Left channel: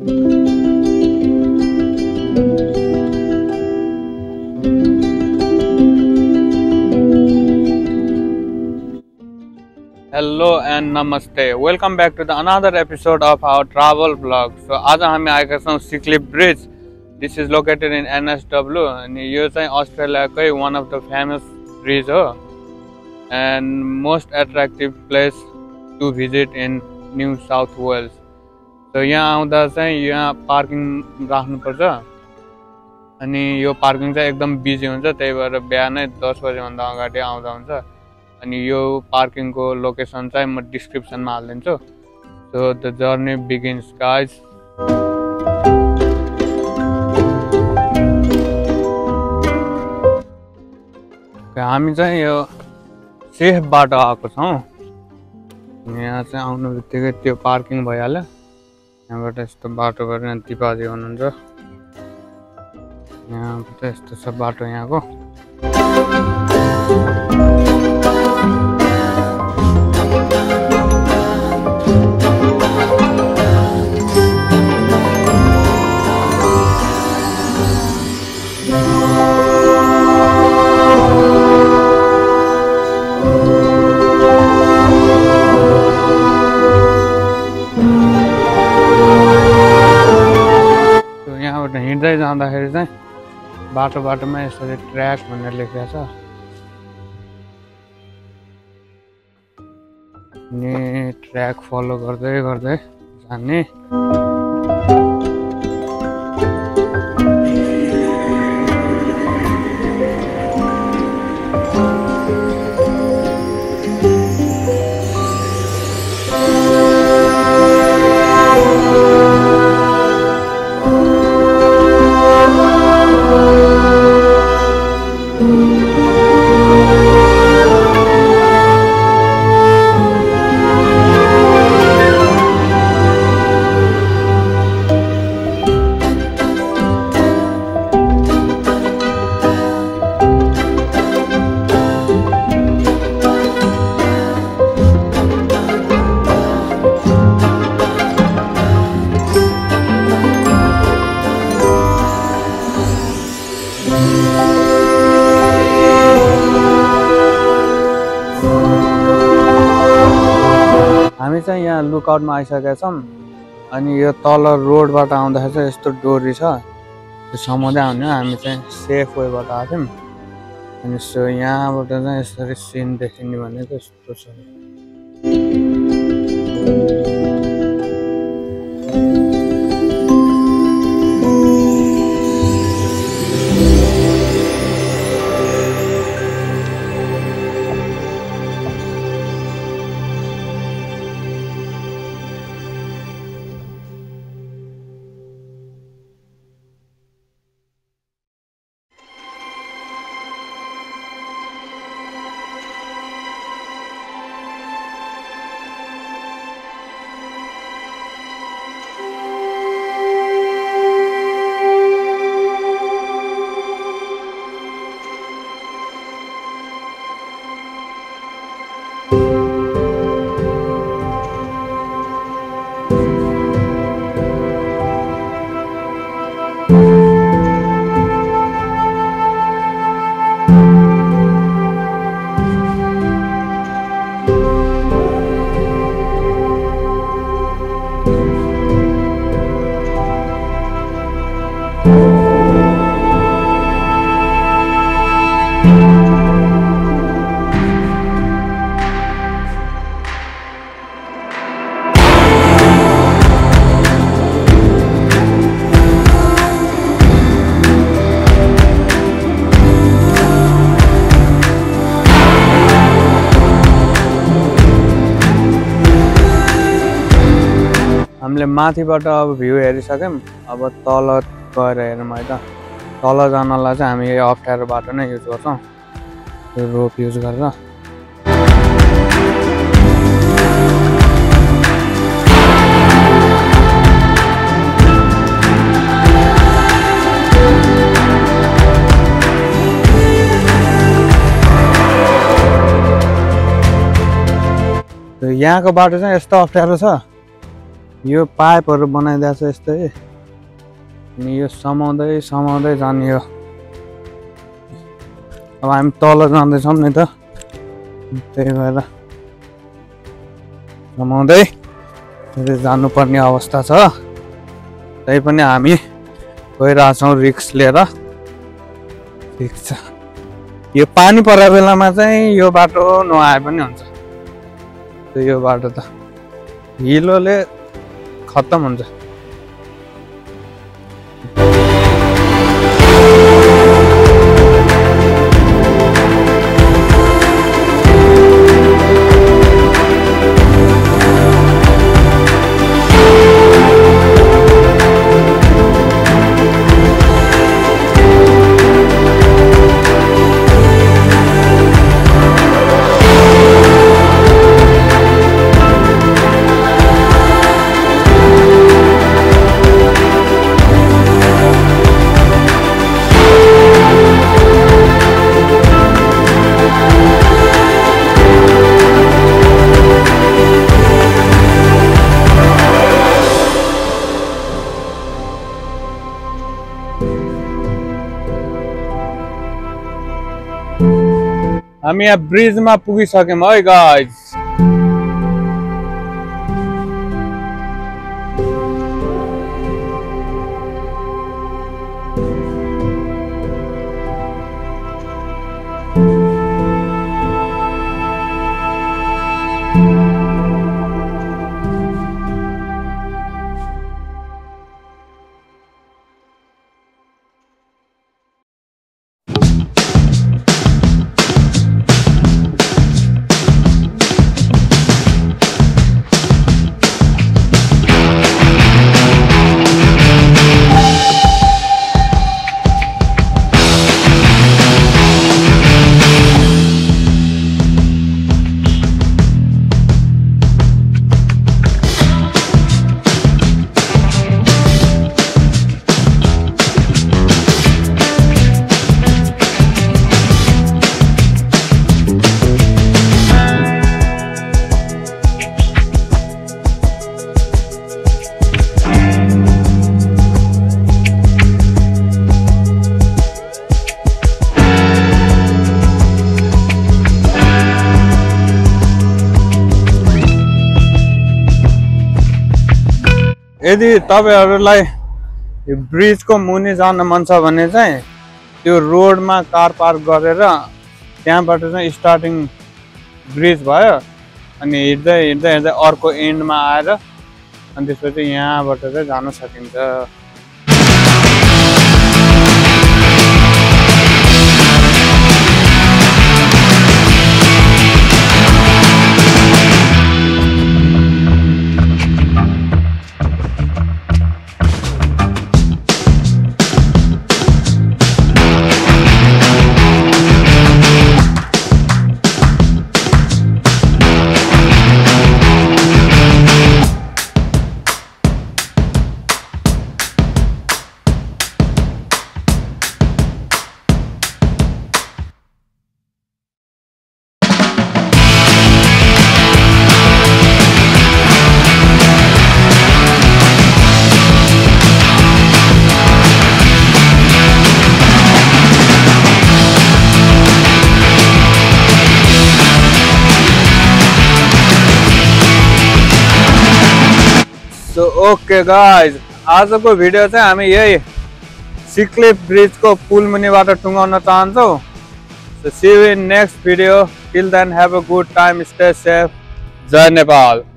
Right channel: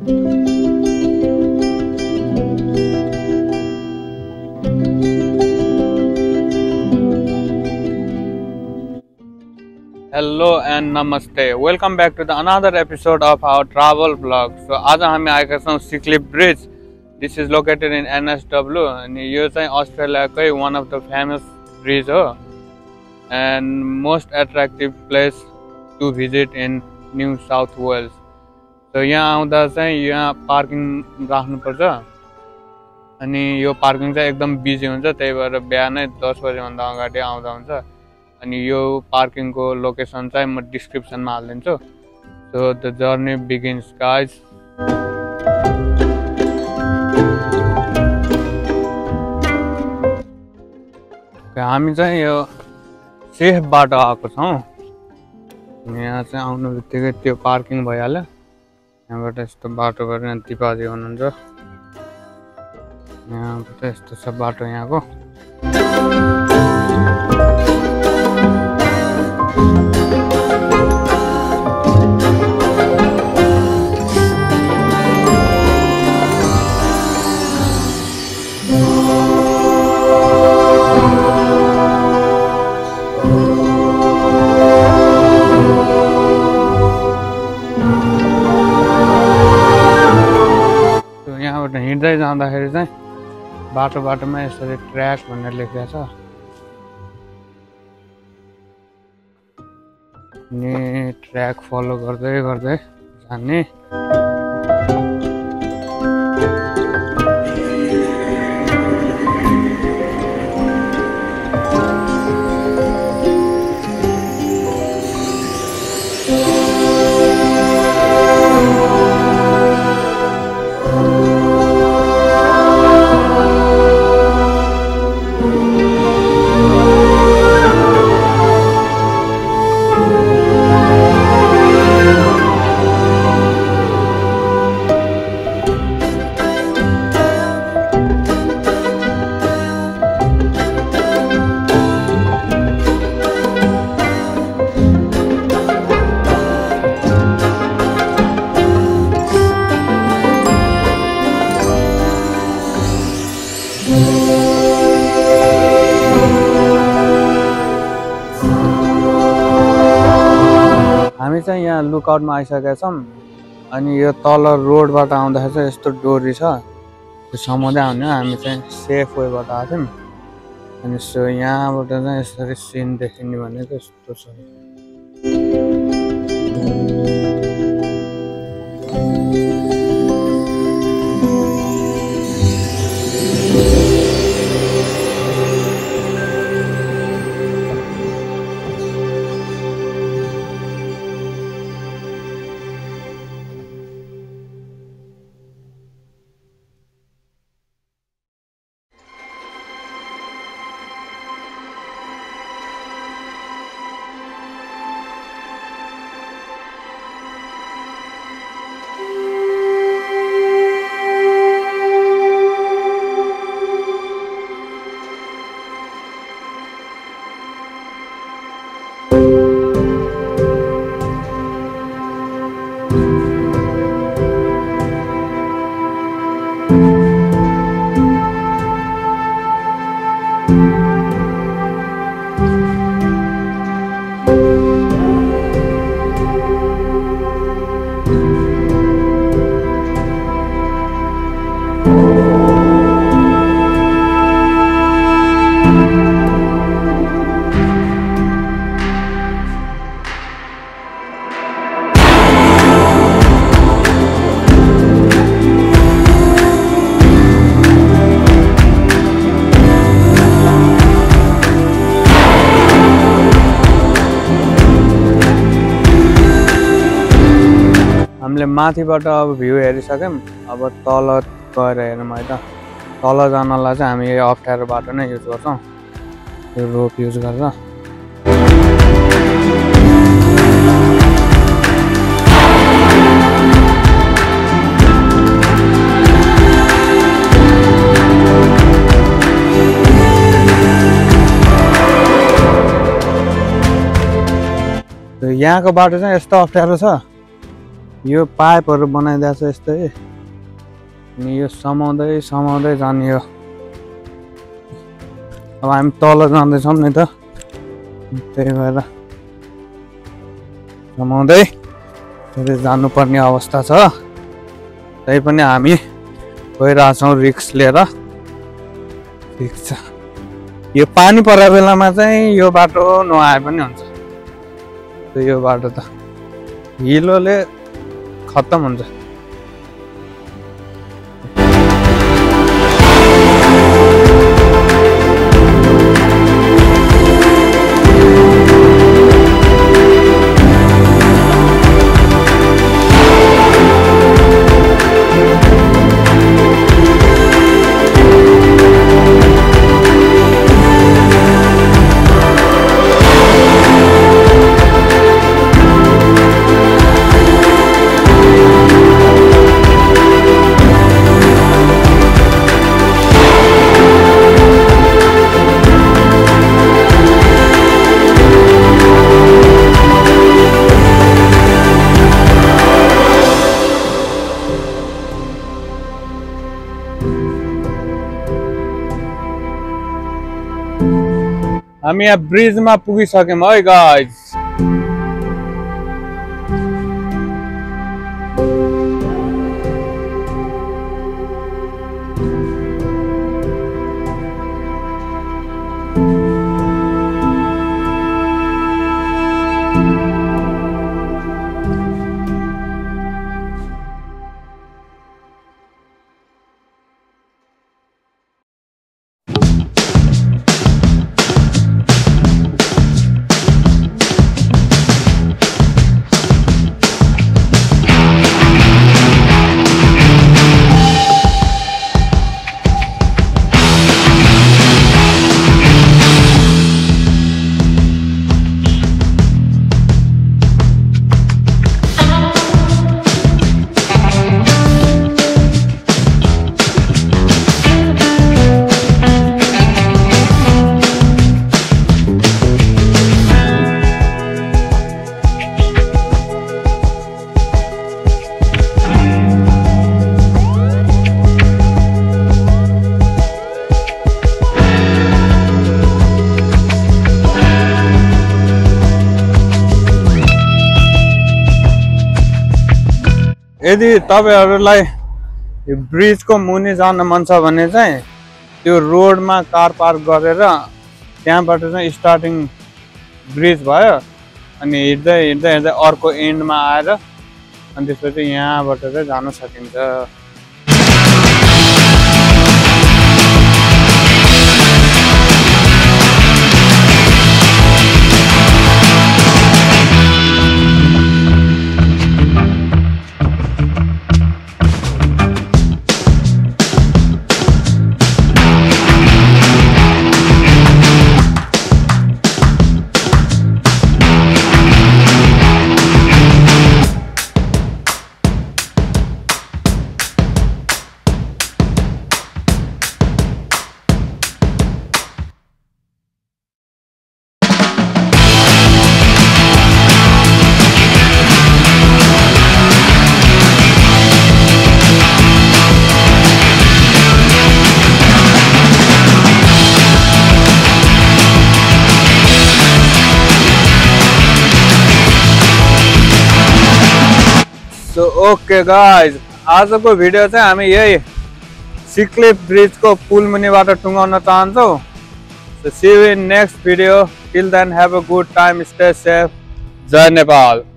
Hello and namaste. Welcome back to another episode of our travel vlog. So आज हामी आएका छौं सिक्लिप bridge. This is located in NSW अनि यो चाहिँ अस्ट्रेलियाकै one of the famous bridge हो and most attractive place to visit in New South Wales. So यहाँ आउँदा चाहिँ यहाँ पार्किङ राख्नुपर्छ अनि यो पार्किङ चाहिँ एकदम बिजी हुन्छ त्यही भएर बिहानै 10 बजे भन्दा अगाडि आउँदा हुन्छ अनि यो पार्किङ को लोकेसन चाहिँ म डिस्क्रिप्सन मा हाल्दिन्छु. So the journey begins guys. हामी चाहिँ यो सेफ बाटो आएको छौं. यहाँ चाहिँ आउनु बित्तिकै त्यो पार्किङ भइहाल्यो. यहाँबाट यस्तो बाटो गरेर दिपाजी हुनुहुन्छ. यहाँबाट यस्तो छ बाटो यहाँको. हिँड्दै जाँदाखेरि चाहिँ बाटोमा यसरी ट्र्याक भनेर लेखेको छ अनि ट्र्याक फलो गर्दै गर्दै जाने. हामी चाहिँ यहाँ लुकआउटमा आइसकेका छौं अनि यो तल रोडबाट आउँदाखेरि चाहिँ यस्तो डोरी छ त्यो समाउँदै आउने. हामी चाहिँ सेफ वेबाट आएको थियौं अनि सो यहाँबाट चाहिँ यसरी सिन देखिने भनेको यस्तो छ. हामीले माथिबाट अब भ्यू हेरिसक्यौं. अब तल गएर हेरौँ है त. तल जानलाई चाहिँ हामी अप्ठ्यारो बाटो नै युज गर्छौं यो रोप युज गरेर. यहाँको बाटो चाहिँ यस्तो अप्ठ्यारो छ यो पाइपहरु बनाइदिएको छ यस्तै अनि यो समाउँदै समाउँदै जाने हो। अब हामी तल जाँदैछौँ नि त, त्यही भएर समाउँदै फेरि जानुपर्ने अवस्था छ। त्यही पनि हामी गइरहेछौँ रिस्क लिएर। ठिक छ, यो पानी परेको बेलामा चाहिँ यो बाटो नआए पनि हुन्छ। यो बाटो त हिलोले खत्तम हुन्छ। हामी यहाँ ब्रिजमा पुगिसक्यौँ है गाइज। यदि तपाईहरुलाई यो ब्रिजको मुनि जान मन छ भने चाहिँ त्यो रोडमा कार पार्क गरेर त्यहाँबाट चाहिँ स्टार्टिङ ब्रिज भयो अनि हिँड्दै हिँड्दै हिँड्दै अर्को एन्डमा आएर अनि त्यसपछि यहाँबाट चाहिँ जान सकिन्छ। सो ओके गाइज, आजको भिडियो चाहिँ हामी यही सिक्लिप ब्रिजको पुल मुनिबाट टुङ्गाउन चाहन्छौँ। So see you in next video. Till then have a good time, stay safe. जय नेपाल।